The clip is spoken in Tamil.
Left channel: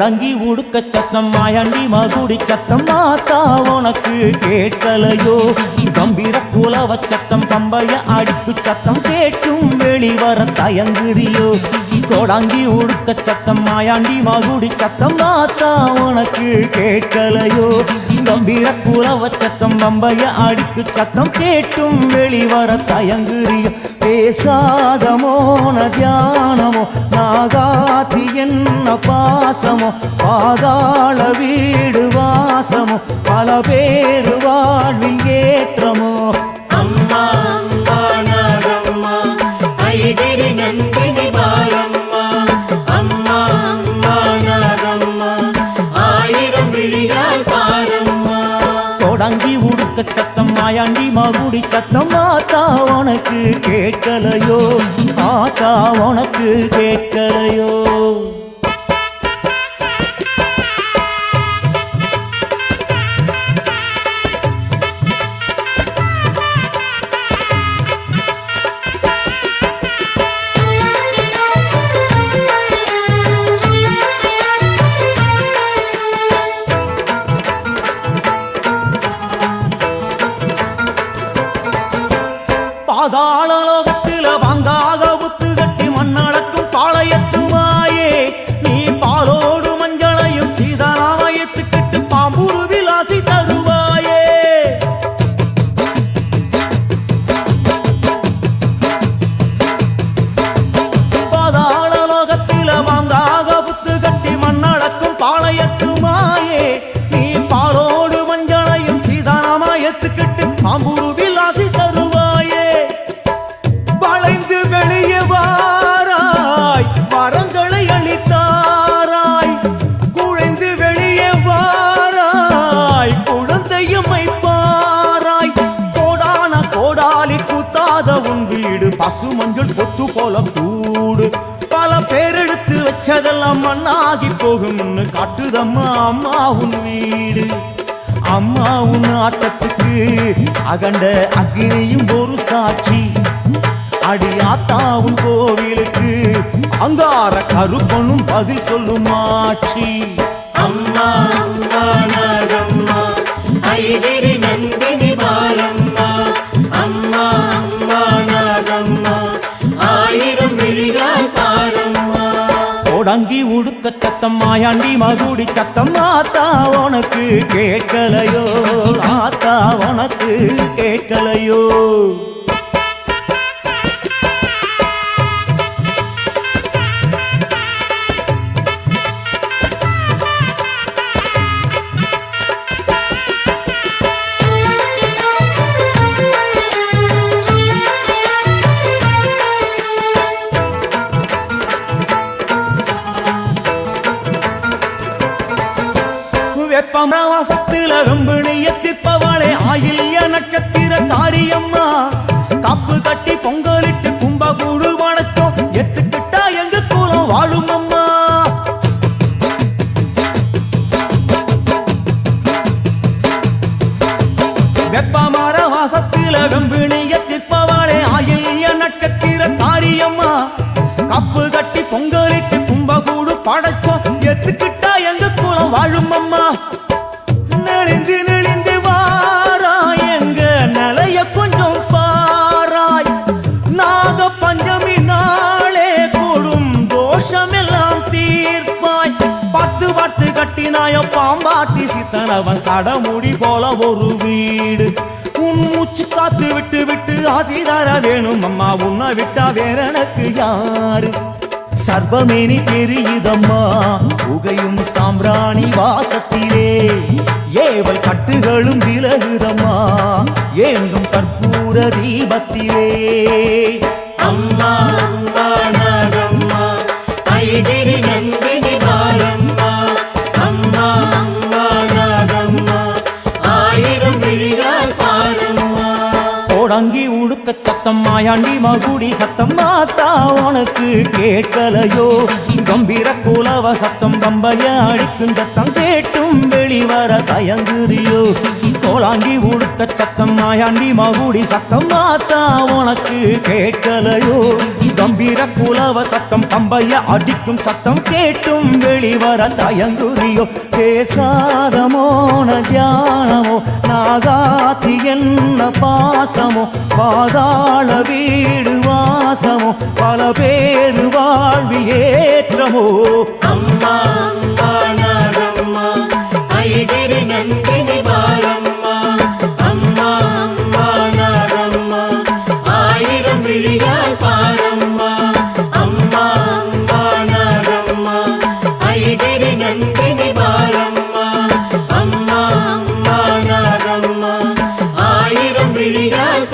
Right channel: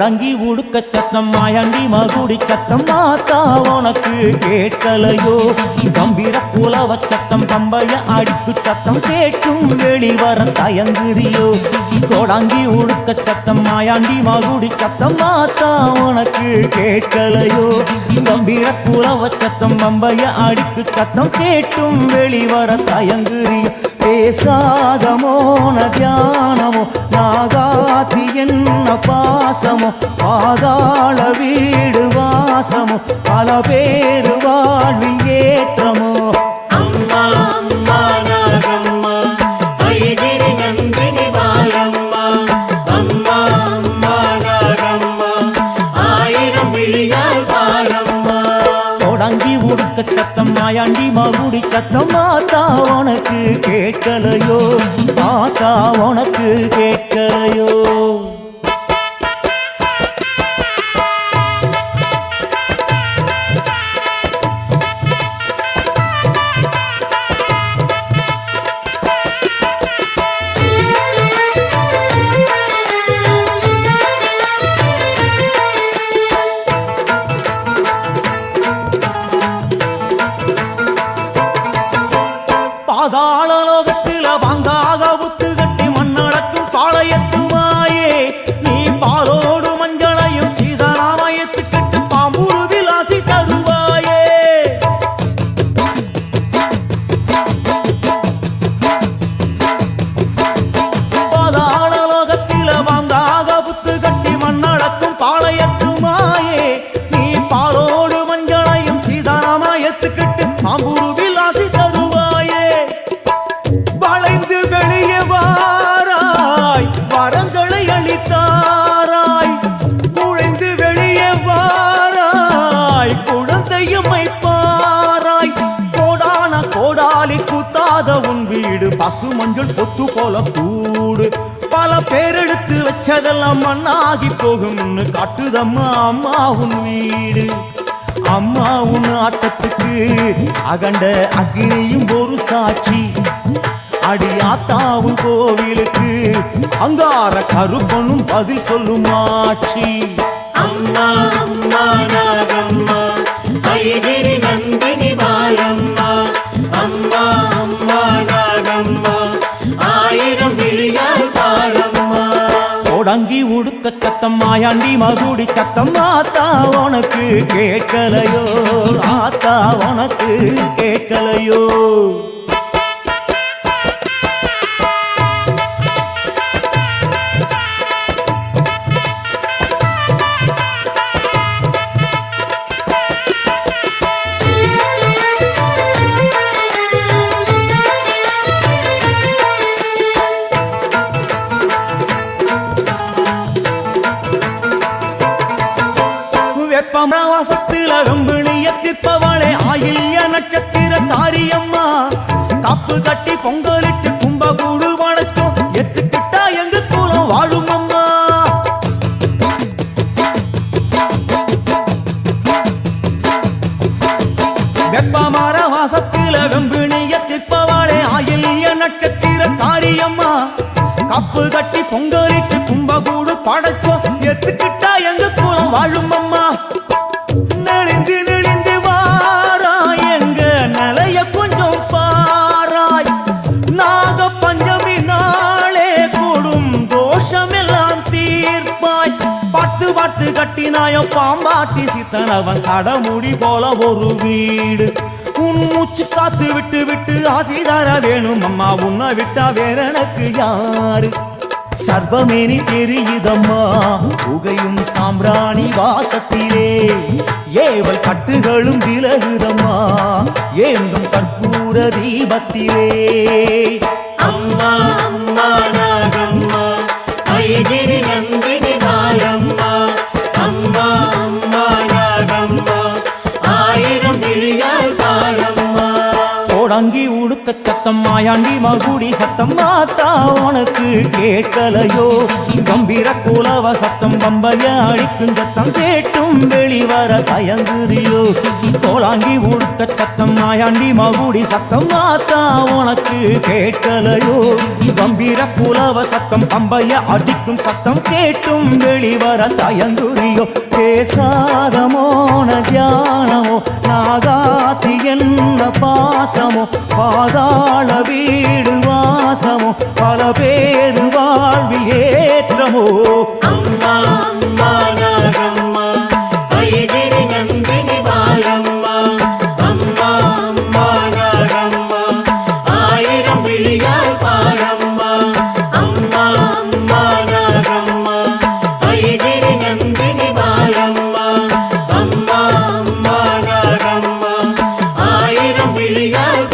கோடங்கி உடுக்க சத்தம் மாயாண்டி மகுடி சத்தம் மாத்தா உனக்கு கேட்கலையோ கம்பீர குலவ சத்தம் பம்பைய அடிக்கு சத்தம் கேட்கும் வெளிவர தயங்குறியோ கோடங்கி உடுக்க சத்தம் மாயாண்டி மகுடி சத்தம் மாத்தா உனக்கு கேட்கலையோ கம்பீர குலவ சத்தம் பம்பைய அடிக்கு சத்தம் கேட்டும் வெளிவர தயங்குறியோ பேசாத மோன தியானமோ நாகாத்தி என்ன பாசமோ பாதாள வீடு வாசமோ பல பேரு வாழ்வில் ஏற்றமோ அம்மா அம்மா நாகம்மா ஐதிரி நந்தினி பாலம்மா அம்மா அம்மா நாகம்மா ஆயிரம் விழியால் பாரம்மா கோடங்கி உடுக்க சத்தம் மாயாண்டி மகுடி சத்தம் மாத்தா உனக்கு கேட்கலையோ மாத்தா உனக்கு கேட்கலையோ பாதாள லோகத்தில வாங்காக புத்து கட்டி மண்ணடக்கும் பாளையத்துமாயே நீ பாலோடு மஞ்சளையும் சீதாராமயத்து கட்டு பாம்பூரு விலாசி தருவாயே பாதாள லோகத்தில வாங்காக புத்து கட்டி மண்ணடக்கும் பாளையத்துமாயே நீ பாலோடு மஞ்சளையும் சீதாராமயத்து கட்டு பாம்பூரு விலாசி தருவாயே வளைந்து வெளியே வாராய் வரங்களை அளித்தாராய் குழைந்து வெளியே வாராய் குழந்தையுமை பாராய் கோடான கோடாலி கூத்தாத உன் வீடு பசு மஞ்சள் பொத்து போல கூடு பல பேரெடுத்து வச்சதெல்லாம் மண்ணாகி போகும்னு காட்டுதம்மா அம்மா உன் வீடு அம்மா உன் ஆட்டத்துக்கு அகண்ட அக்னியும் ஒரு சாட்சி அடியாத்தாவும் கோவிலுக்கு அங்கார கருப்பனும் பதில் சொல்லும் ஆட்சி அம்மா அம்மா நாகம்மா ஐதிரி நந்தினி பாலம்மா அம்மா அம்மா நாகம்மா ஆயிரம் விழியால் பாரம்மா கோடங்கி உடுக்க சத்தம் மாயாண்டி மகுடி சத்தம் ஆத்தா உனக்கு கேட்கலையோ ஆத்தா உனக்கு கேட்கலையோ வெப்பமாசத்தில வெம்பிணிய திற்பவளே ஆயில்ய நட்சத்திர காரியம்மா காப்பு கட்டி பொங்கலிட்டு கும்பகூடு வணச்சோம் எத்துக்கிட்டா எங்க கூலம் வாழும் அம்மா வெப்பமார வாசத்தில வெம்பிணிய திற்பவளே ஆயில்ய நட்சத்திர காரியம்மா கப்பு கட்டி பொங்கலிட்டு கும்பகூடு படைச்சோம் எத்துக்கிட்டா எங்க கூலம் வாழும் அம்மா நெளிந்து நெளிந்து வாராய் எங்க நிலைய கொஞ்சம் பாராய் நாக பஞ்சமி நாளே கூடும் தோஷமெல்லாம் தீர்ப்பாய் பத்து பார்த்து கட்டினாயோ பாம்பாட்டி சித்தனவன் சடமுடி போல ஒரு வீடு உன் மூச்சு காத்து விட்டு விட்டு ஆசைதார வேணும் அம்மா உன்னை விட்டா வேற எனக்கு யாரு சர்வமேனி தெரியுதம்மா புகையும் சாம்பிராணி வாசத்திலே ஏவல் கட்டுகளும் விலகுதம்மா ஏண்டும் கற்பூர தீபத்திலே அம்மா அம்மா நாகம்மா ஐதிரி நந்தினி பாலம்மா அம்மா அம்மா நாகம்மா ஆயிரம் விழியால் பாரம்மா கோடங்கி உடுக்க சத்தம் மாயாண்டி மகுடி சத்தம் மாத்தா உனக்கு கேட்கலையோ கம்பீர குலவ சத்தம் பம்பைய அடிக்கும் சத்தம் கேட்டும் வெளிவர தயங்குறியோ கோலாங்கி உடுக்க சத்தம் மாயாண்டி மகுடி சத்தம் மாத்தா உனக்கு கேட்கலையோ கம்பீர குலவ சத்தம் பம்பைய அடிக்கும் சத்தம் கேட்டும் வெளிவர தயங்குறியோ பேசாத மோன தியானமோ நாகாத்தி என்ன பாசமோ பாதாள வீடு வாசமோ பல பேரு வாழ்வில் ஏற்றமோ அம்மா அம்மா நாகம்மா கைதிரி நந்தினி பாலம்மா அம்மா அம்மா நாகம்மா ஆயிரம் விழியால் பாரம்மா அம்மா அம்மா நாகம்மா கைதிரி நந்தினி பாலம்மா அம்மா அம்மா நாகம்மா ஆயிரம் விழியால்